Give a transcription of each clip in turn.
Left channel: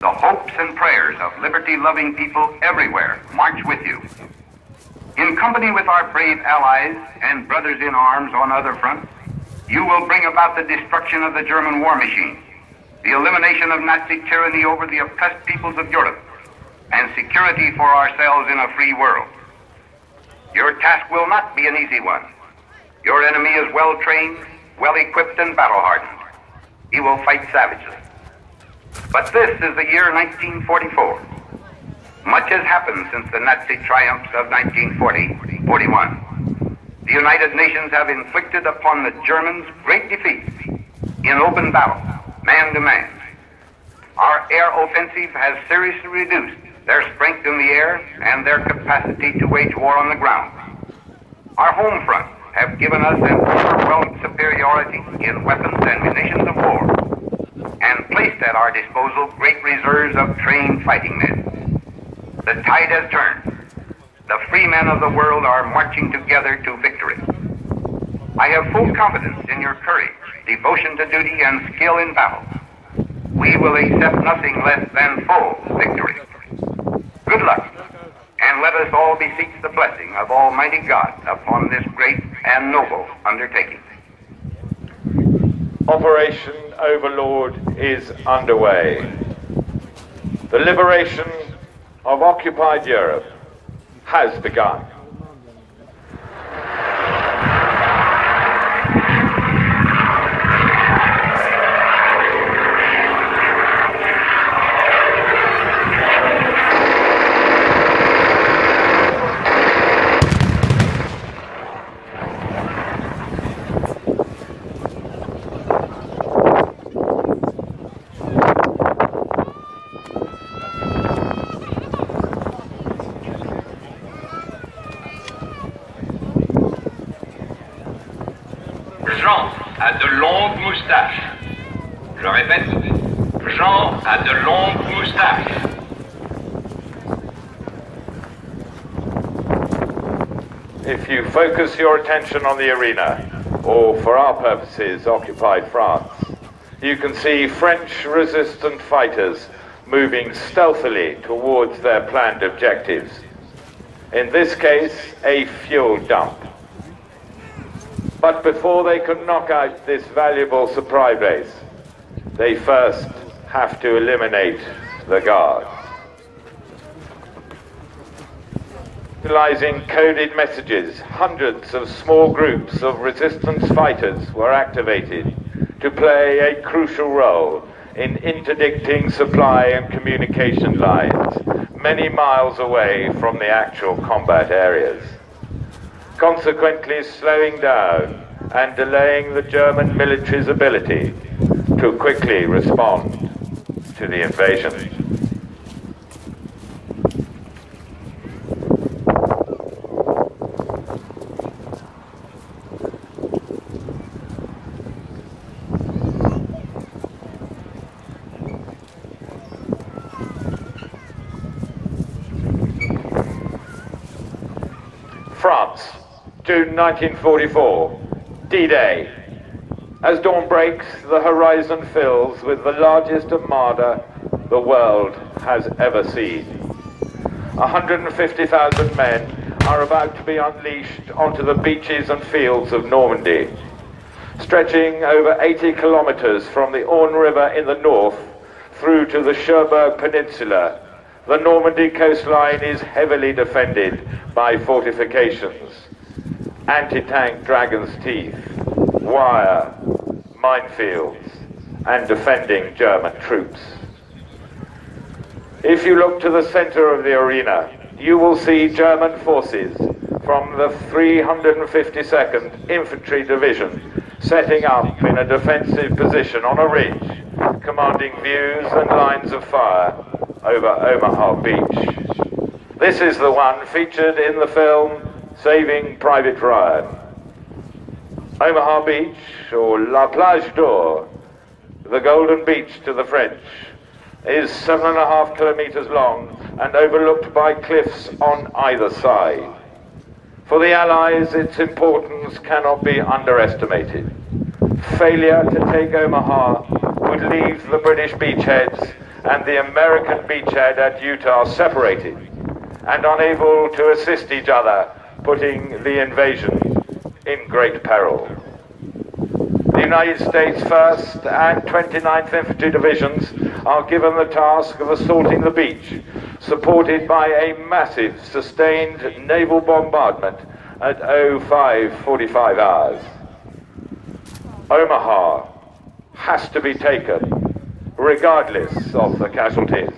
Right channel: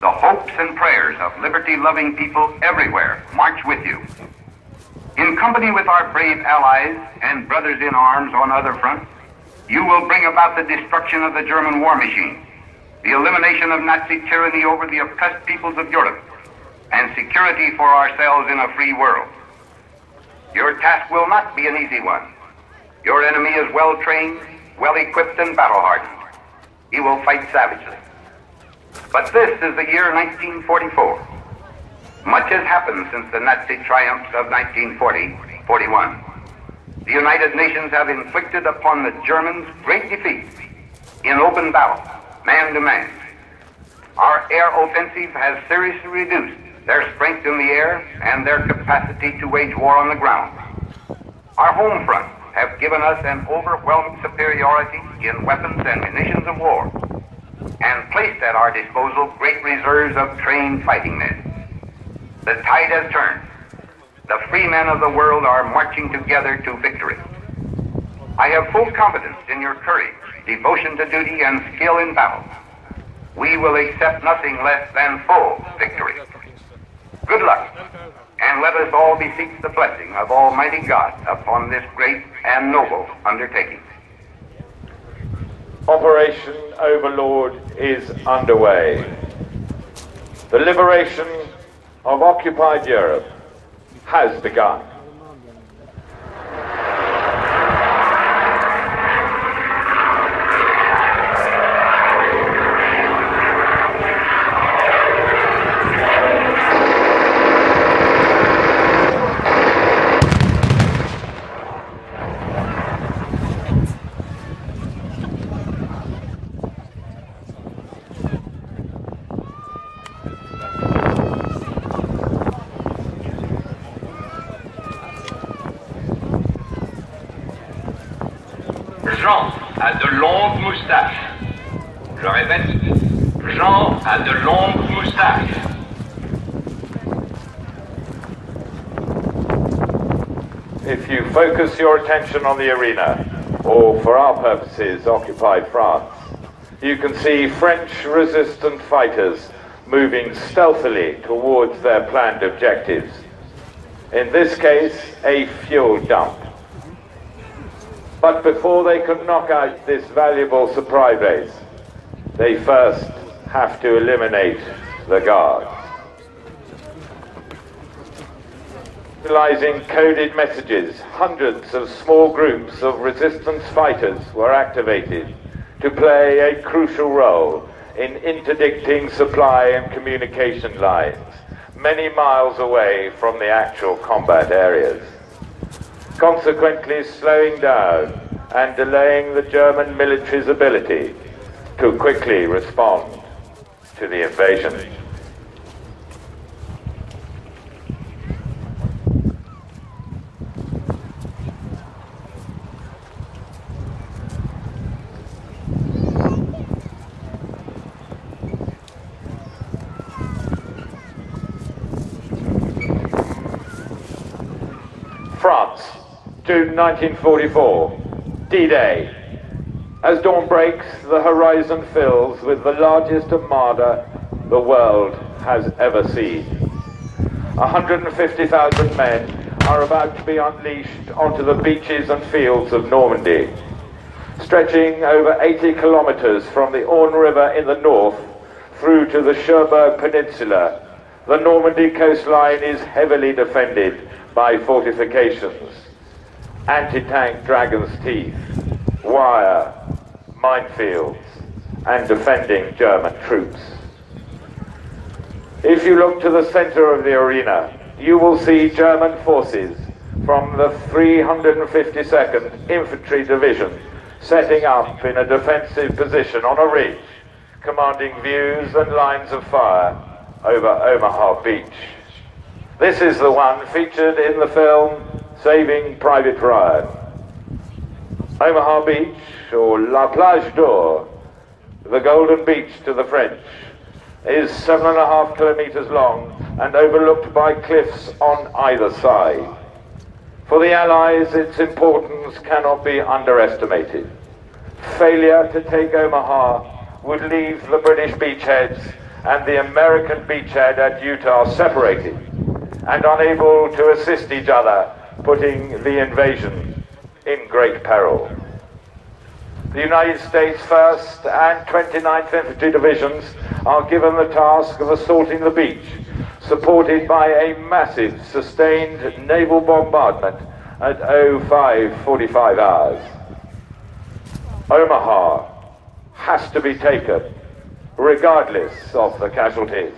The hopes and prayers of liberty-loving people everywhere march with you. In company with our brave allies and brothers in arms on other fronts, you will bring about the destruction of the German war machine, the elimination of Nazi tyranny over the oppressed peoples of Europe, and security for ourselves in a free world. Your task will not be an easy one. Your enemy is well-trained, well-equipped, and battle-hardened. He will fight savagely. But this is the year 1944. Much has happened since the Nazi triumphs of 1940-41. The United Nations have inflicted upon the Germans great defeats in open battle, man to man. Our air offensive has seriously reduced their strength in the air and their capacity to wage war on the ground. Our home fronts have given us an overwhelming superiority in weapons and munitions of war, and placed at our disposal great reserves of trained fighting men. The tide has turned. The free men of the world are marching together to victory. I have full confidence in your courage, devotion to duty, and skill in battle. We will accept nothing less than full victory. Good luck, and let us all beseech the blessing of Almighty God upon this great and noble undertaking. Operation Overlord is underway. The liberation of occupied Europe has begun. Jean a de longues moustaches. Je répète, Jean a de longues moustaches. If you focus your attention on the arena, or for our purposes, occupied France, you can see French resistant fighters moving stealthily towards their planned objectives. In this case, a fuel dump. But before they can knock out this valuable supply base, they first have to eliminate the guards. Utilizing coded messages, hundreds of small groups of resistance fighters were activated to play a crucial role in interdicting supply and communication lines many miles away from the actual combat areas, consequently slowing down and delaying the German military's ability to quickly respond to the invasion. France, June 1944, D-Day. As dawn breaks, the horizon fills with the largest armada the world has ever seen. 150,000 men are about to be unleashed onto the beaches and fields of Normandy. Stretching over 80 kilometers from the Orne River in the north through to the Cherbourg Peninsula, the Normandy coastline is heavily defended by fortifications, anti-tank Dragon's Teeth, wire, minefields, and defending German troops. If you look to the center of the arena, you will see German forces from the 352nd Infantry Division setting up in a defensive position on a ridge, commanding views and lines of fire over Omaha Beach. This is the one featured in the film Saving Private Ryan. Omaha Beach, or La Plage d'Or, the Golden Beach to the French, is 7.5 kilometers long and overlooked by cliffs on either side. For the Allies, its importance cannot be underestimated. Failure to take Omaha would leave the British beachheads and the American beachhead at Utah separated and unable to assist each other, putting the invasion in great peril. The United States 1st and 29th Infantry Divisions are given the task of assaulting the beach, supported by a massive sustained naval bombardment at 05:45 hours. Omaha has to be taken, regardless of the casualties.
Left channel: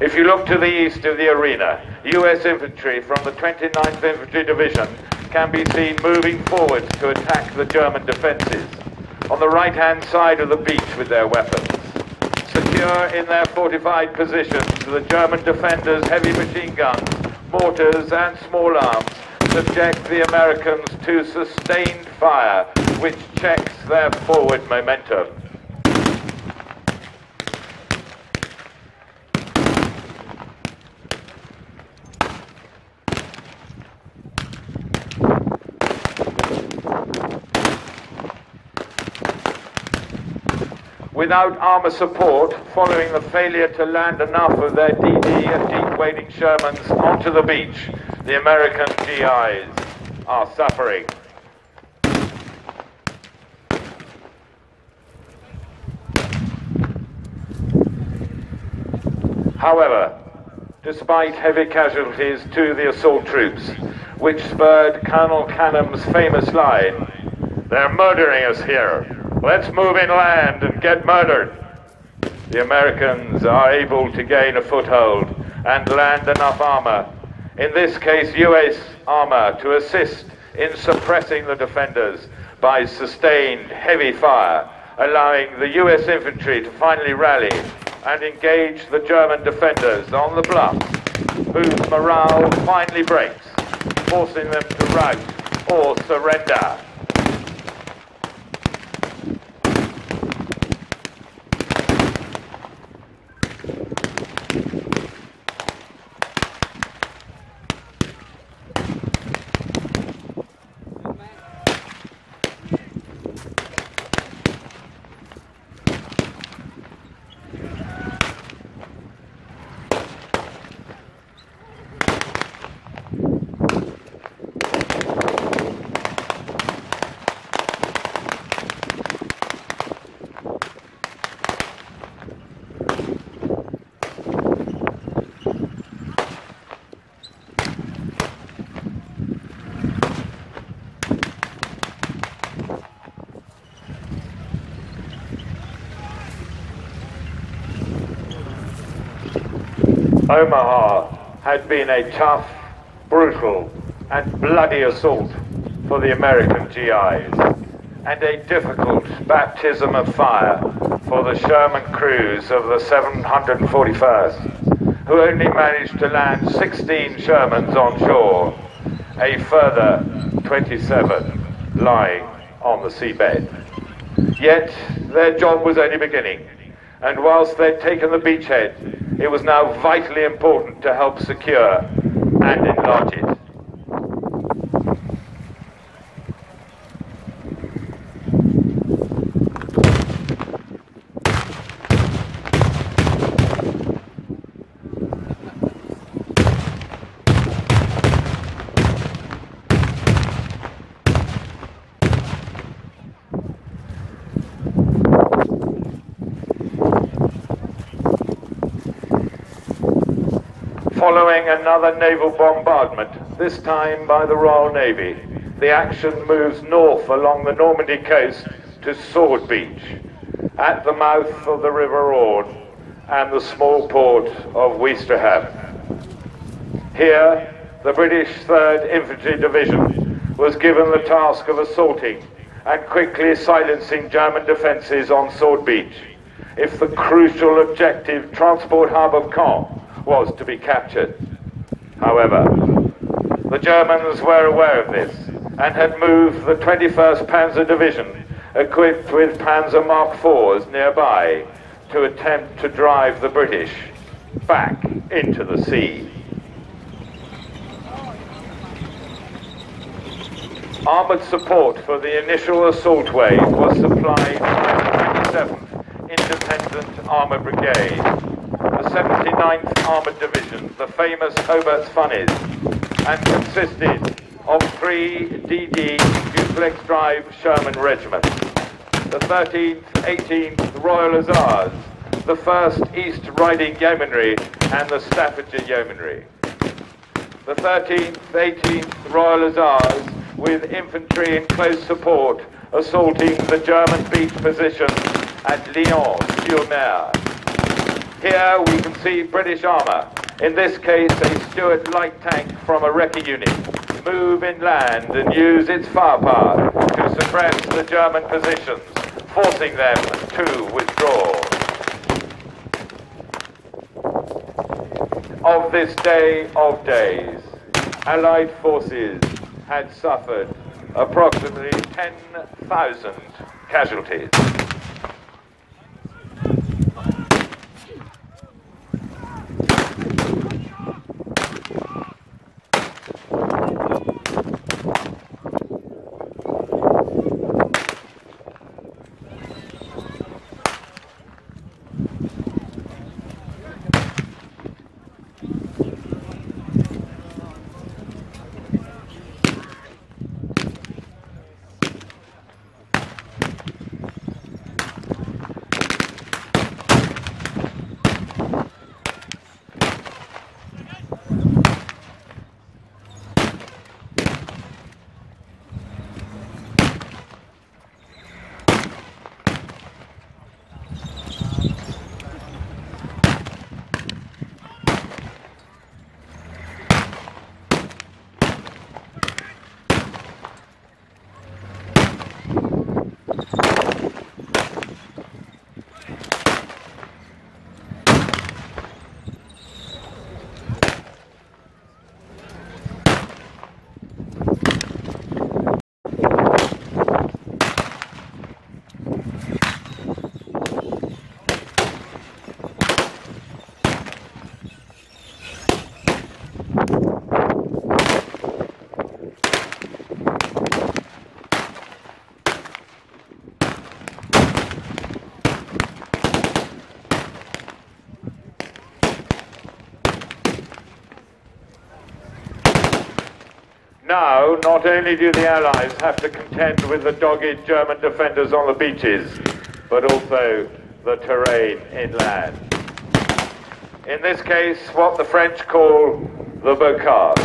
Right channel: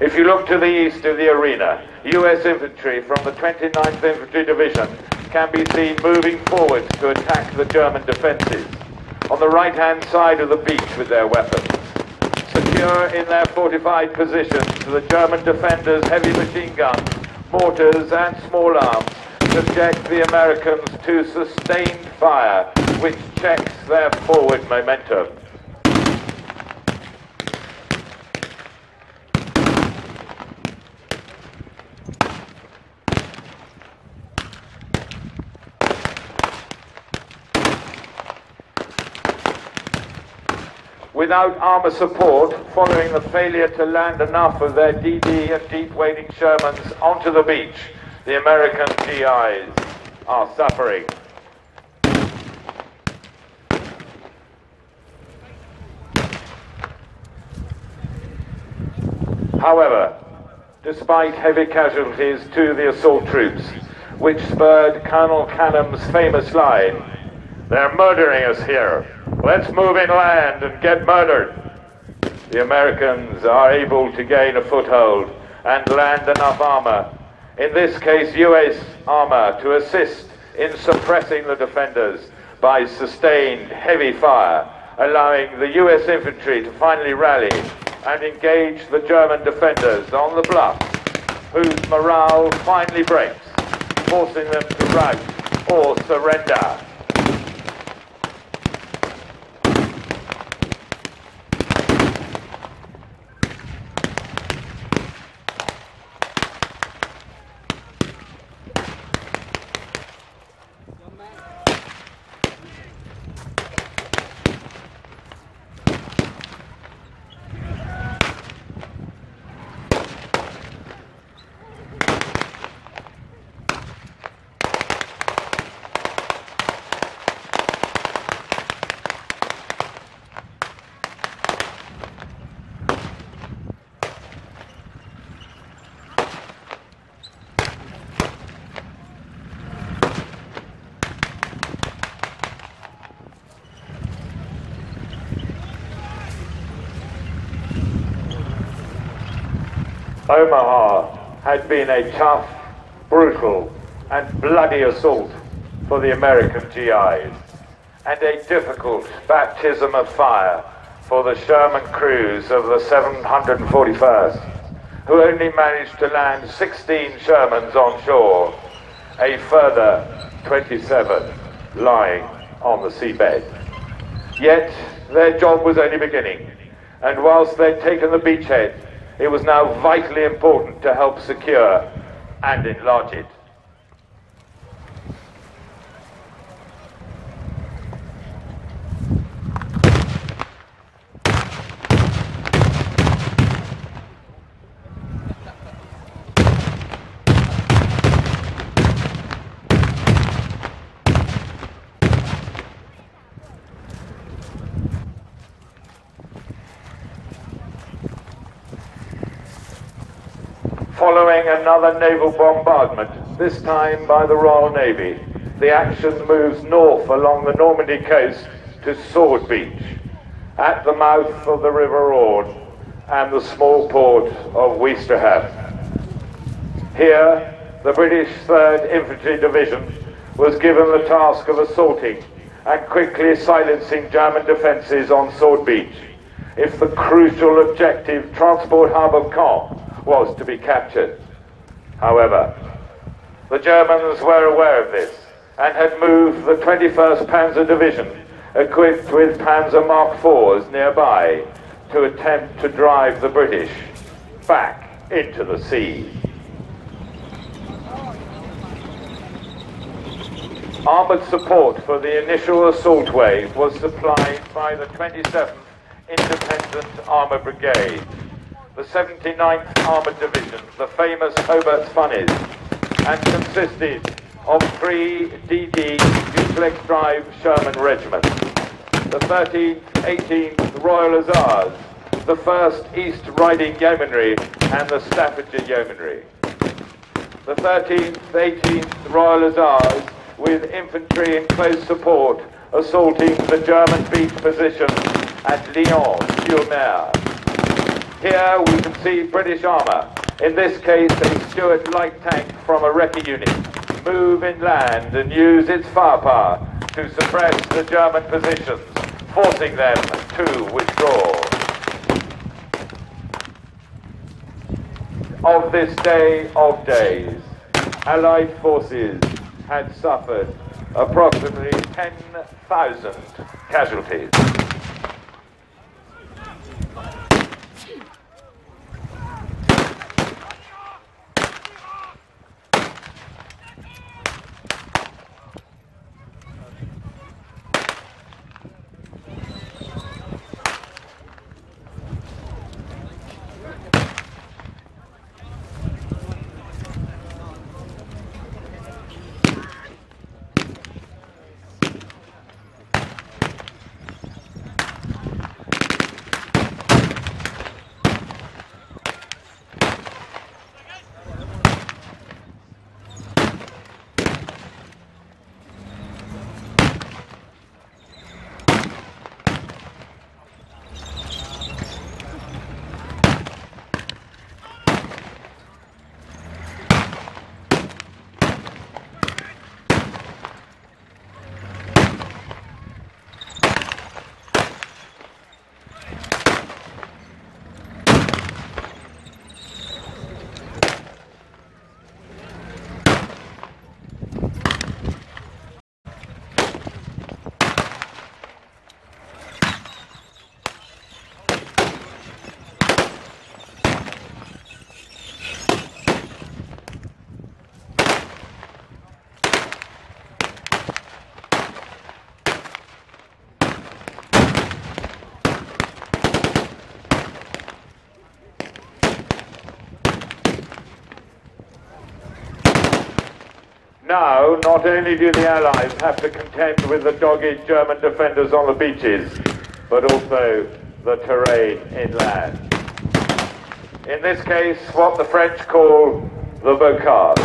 If you look to the east of the arena, U.S. infantry from the 29th Infantry Division can be seen moving forward to attack the German defences on the right-hand side of the beach with their weapons. Secure in their fortified positions, the German defenders' heavy machine guns, mortars and small arms subject the Americans to sustained fire, which checks their forward momentum. Without armour support, following the failure to land enough of their DD and deep-wading Shermans onto the beach, the American GIs are suffering. However, despite heavy casualties to the assault troops, which spurred Colonel Canham's famous line, "They're murdering us here. Let's move inland and get murdered," the Americans are able to gain a foothold and land enough armour, in this case US armour, to assist in suppressing the defenders by sustained heavy fire, allowing the US infantry to finally rally and engage the German defenders on the bluff, whose morale finally breaks, forcing them to rout or surrender. Omaha had been a tough, brutal and bloody assault for the American GIs, and a difficult baptism of fire for the Sherman crews of the 741st, who only managed to land 16 Shermans on shore, a further 27 lying on the seabed. Yet their job was only beginning, and whilst they'd taken the beachhead, it was now vitally important to help secure and enlarge it. Following another naval bombardment, this time by the Royal Navy, the action moves north along the Normandy coast to Sword Beach, at the mouth of the River Orne and the small port of Ouistreham. Here, the British 3rd Infantry Division was given the task of assaulting and quickly silencing German defences on Sword Beach, if the crucial objective transport hub of Caen was to be captured. However, the Germans were aware of this and had moved the 21st Panzer Division, equipped with Panzer Mark IVs nearby, to attempt to drive the British back into the sea. Armoured support for the initial assault wave was supplied by the 27th Independent Armour Brigade, the 79th Armoured Division, the famous Hobart's Funnies, and consisted of 3 DD duplex drive Sherman regiments, the 13th, 18th Royal Hussars, the 1st East Riding Yeomanry and the Staffordshire Yeomanry. The 13th, 18th Royal Hussars, with infantry in close support, assaulting the German beat position at Lyon-sur-Mer. Here we can see British armour, in this case a Stuart light tank from a Recce unit, move inland and use its firepower to suppress the German positions, forcing them to withdraw. Of this day of days, Allied forces had suffered approximately 10,000 casualties. Now, not only do the Allies have to contend with the dogged German defenders on the beaches, but also the terrain inland. In this case, what the French call the bocage.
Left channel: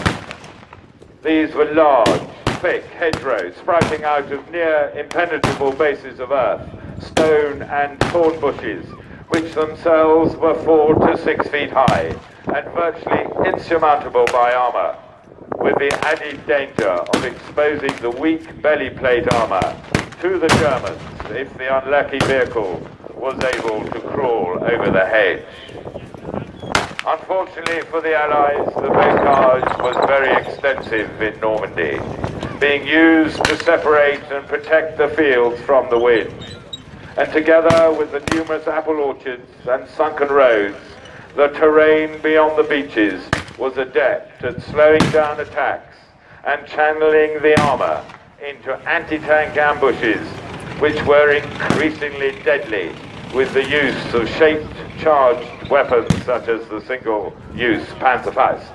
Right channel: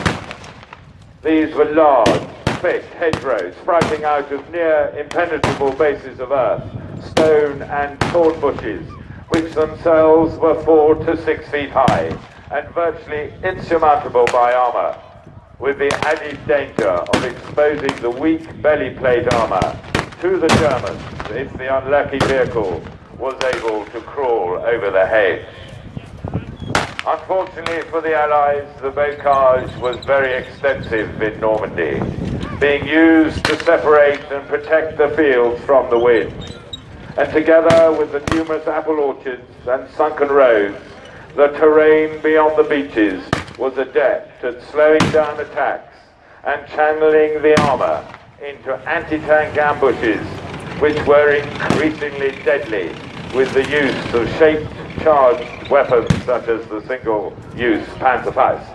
These were large, thick hedgerows sprouting out of near impenetrable bases of earth, stone and thorn bushes, which themselves were 4 to 6 feet high and virtually insurmountable by armour, with the added danger of exposing the weak belly plate armour to the Germans if the unlucky vehicle was able to crawl over the hedge. Unfortunately for the Allies, the bocage was very extensive in Normandy, being used to separate and protect the fields from the wind. And together with the numerous apple orchards and sunken roads, the terrain beyond the beaches was adept at slowing down attacks and channeling the armour into anti-tank ambushes, which were increasingly deadly with the use of shaped charged weapons such as the single-use Panzerfaust.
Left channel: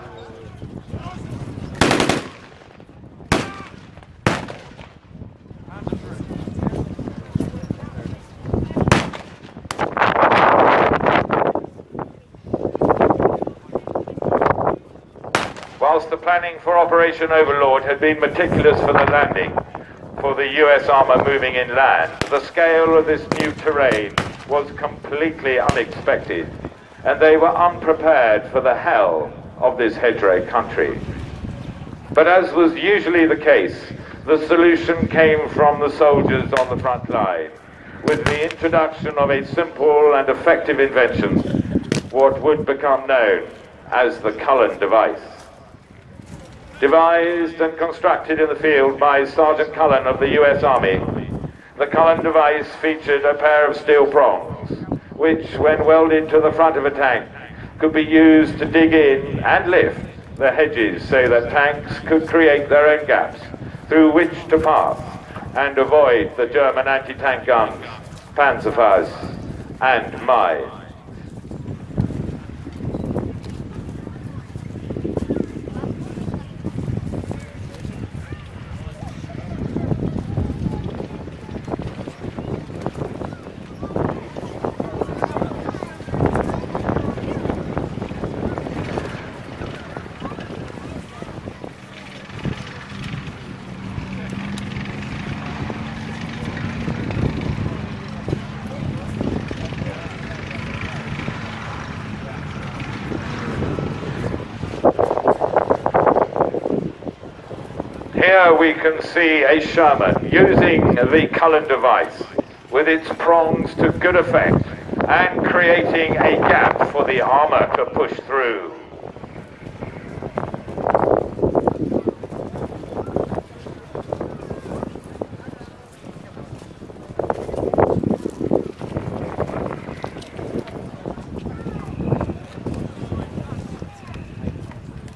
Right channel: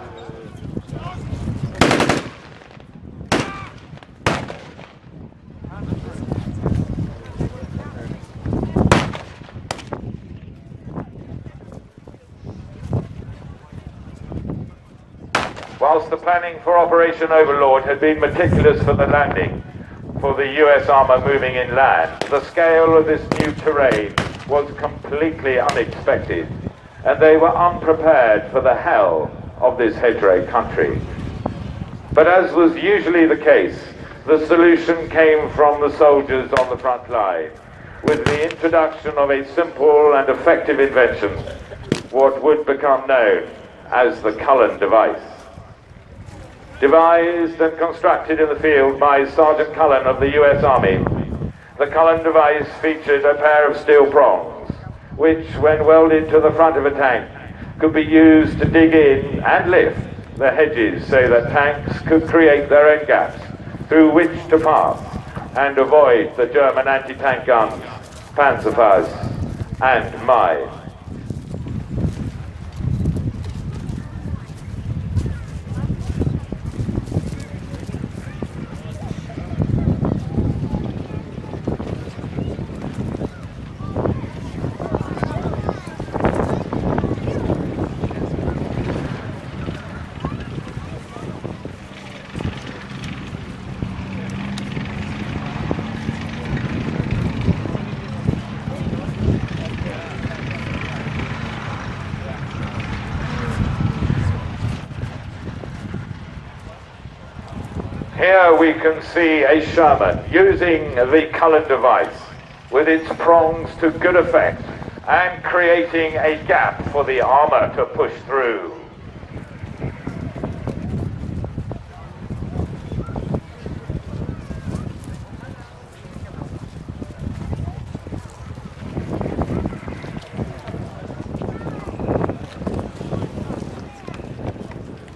Whilst the planning for Operation Overlord had been meticulous for the landing, for the US armour moving inland, the scale of this new terrain was completely unexpected, and they were unprepared for the hell of this hedgerow country. But as was usually the case, the solution came from the soldiers on the front line, with the introduction of a simple and effective invention, what would become known as the Cullen device. Devised and constructed in the field by Sergeant Cullen of the US Army, the Cullen device featured a pair of steel prongs, which, when welded to the front of a tank, could be used to dig in and lift the hedges so that tanks could create their own gaps through which to pass and avoid the German anti-tank guns, Panzerfaust and mines. Here we can see a Sherman using the Cullen device with its prongs to good effect and creating a gap for the armor to push through.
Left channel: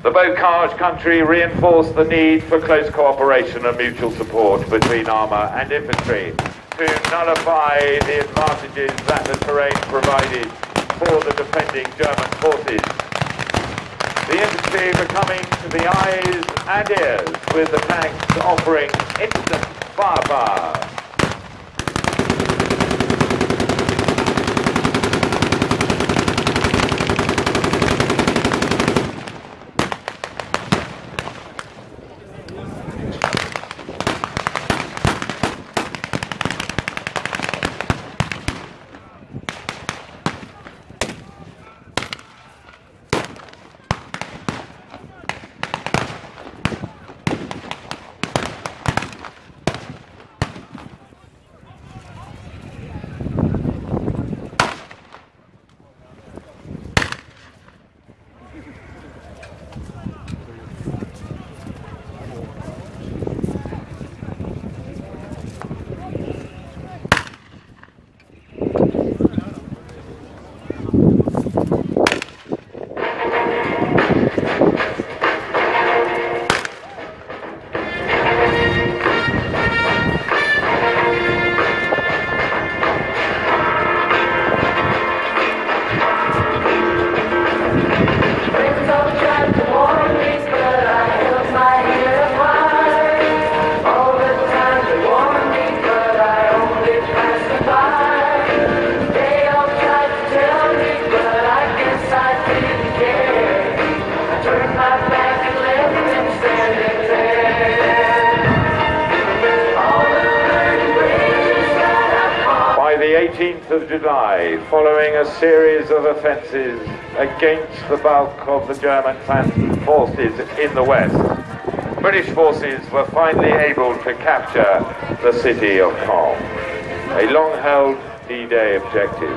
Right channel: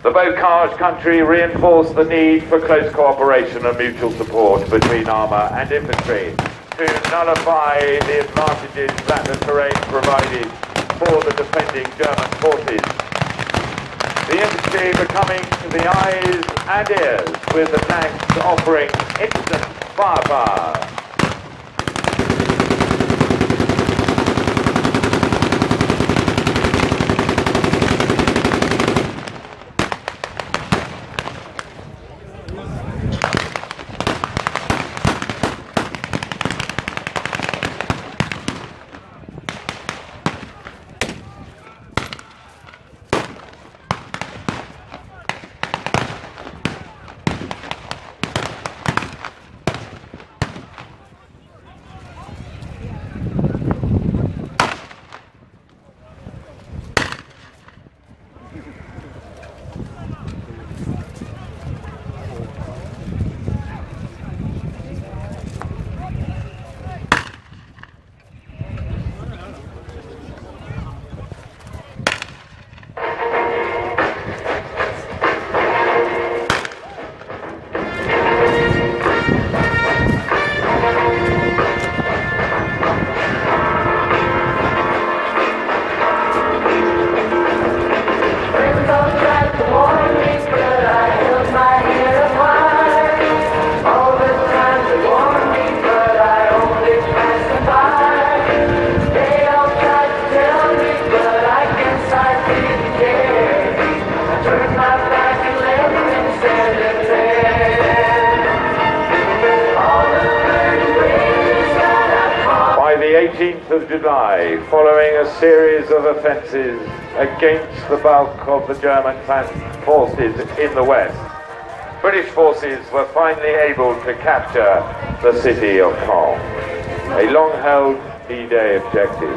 The Bocage country reinforced the need for close cooperation and mutual support between armour and infantry to nullify the advantages that the terrain provided for the defending German forces. The infantry becoming the eyes and ears, with the tanks offering instant firepower. Of July, following a series of offences against the bulk of the German forces in the west, British forces were finally able to capture the city of Caen, a long-held D-Day objective.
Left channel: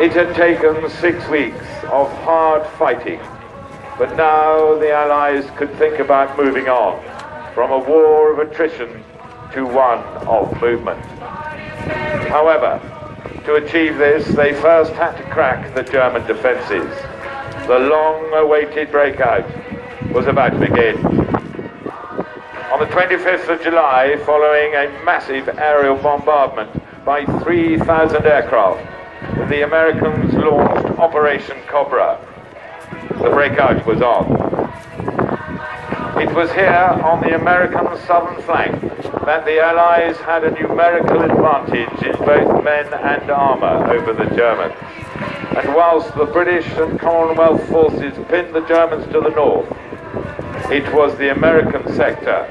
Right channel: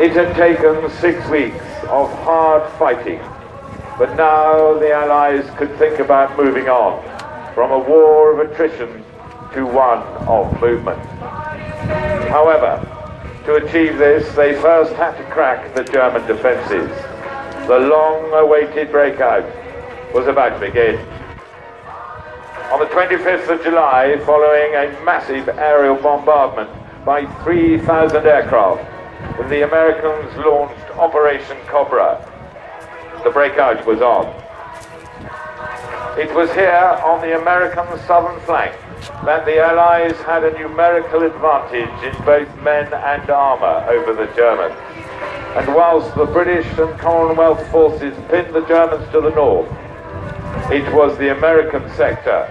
It had taken 6 weeks of hard fighting, but now the Allies could think about moving on from a war of attrition to one of movement. However, to achieve this, they first had to crack the German defences. The long-awaited breakout was about to begin. On the 25th of July, following a massive aerial bombardment by 3,000 aircraft, the Americans launched Operation Cobra. The breakout was on. It was here on the American southern flank that the Allies had a numerical advantage in both men and armour over the Germans. And whilst the British and Commonwealth forces pinned the Germans to the north, it was the American sector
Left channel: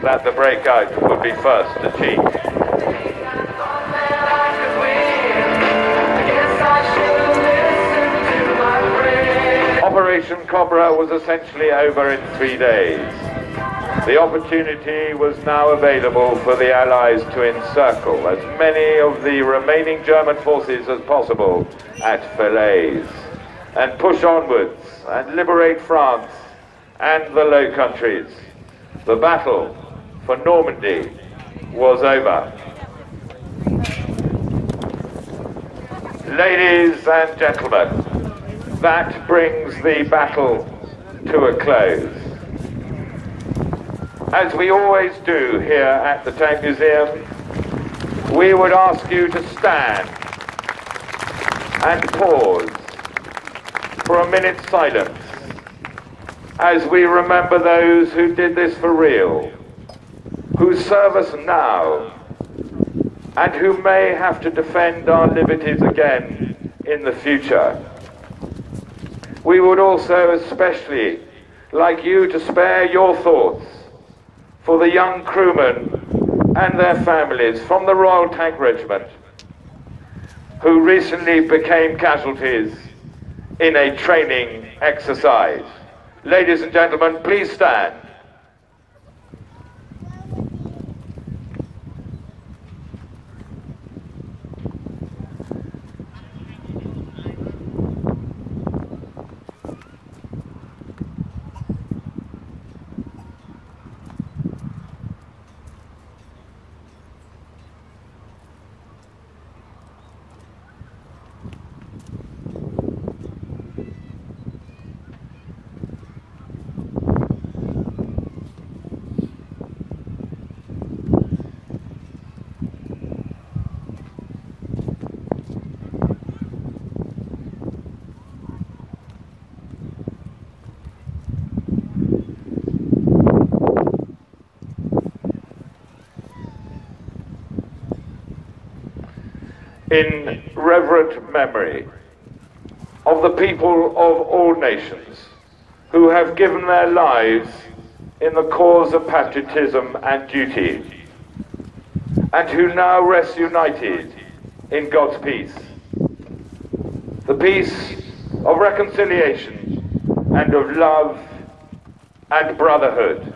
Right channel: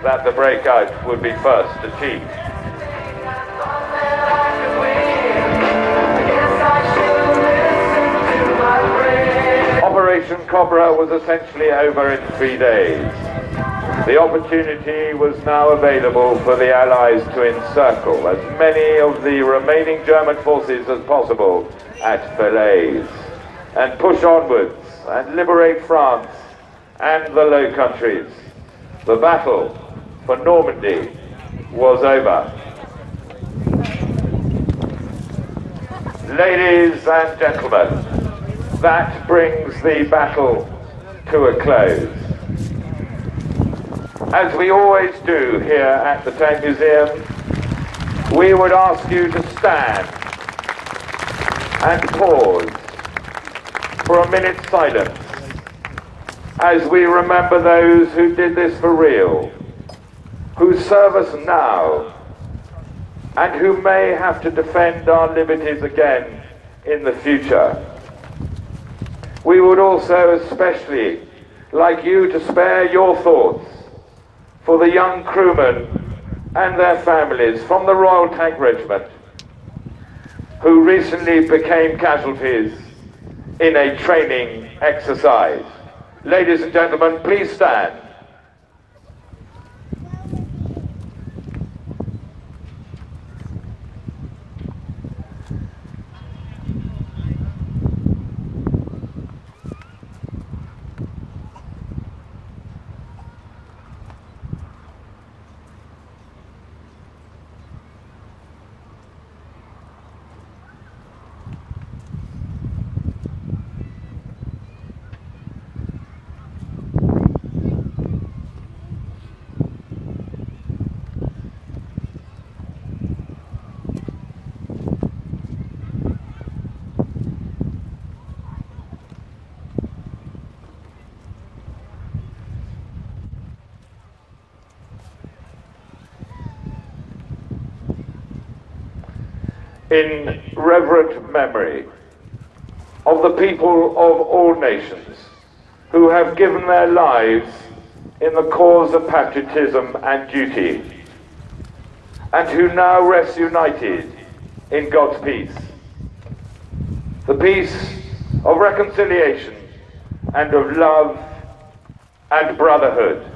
that the breakout would be first achieved. Operation Cobra was essentially over in 3 days. The opportunity was now available for the Allies to encircle as many of the remaining German forces as possible at Falaise and push onwards and liberate France and the Low Countries. The battle for Normandy was over. Ladies and gentlemen, that brings the battle to a close. As we always do here at the Tank Museum, we would ask you to stand and pause for a minute's silence as we remember those who did this for real, who serve us now, and who may have to defend our liberties again in the future. We would also especially like you to spare your thoughts for the young crewmen and their families from the Royal Tank Regiment who recently became casualties in a training exercise. Ladies and gentlemen, please stand. In reverent memory of the people of all nations who have given their lives in the cause of patriotism and duty, and who now rest united in God's peace. The peace of reconciliation and of love and brotherhood.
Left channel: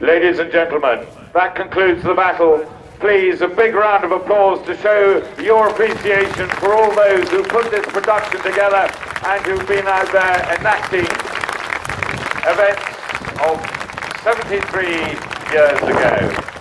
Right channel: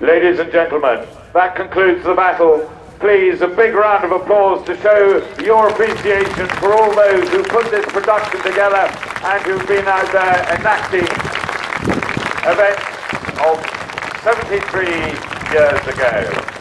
Ladies and gentlemen, that concludes the battle. Please, a big round of applause to show your appreciation for all those who put this production together and who've been out there enacting events of 73 years ago.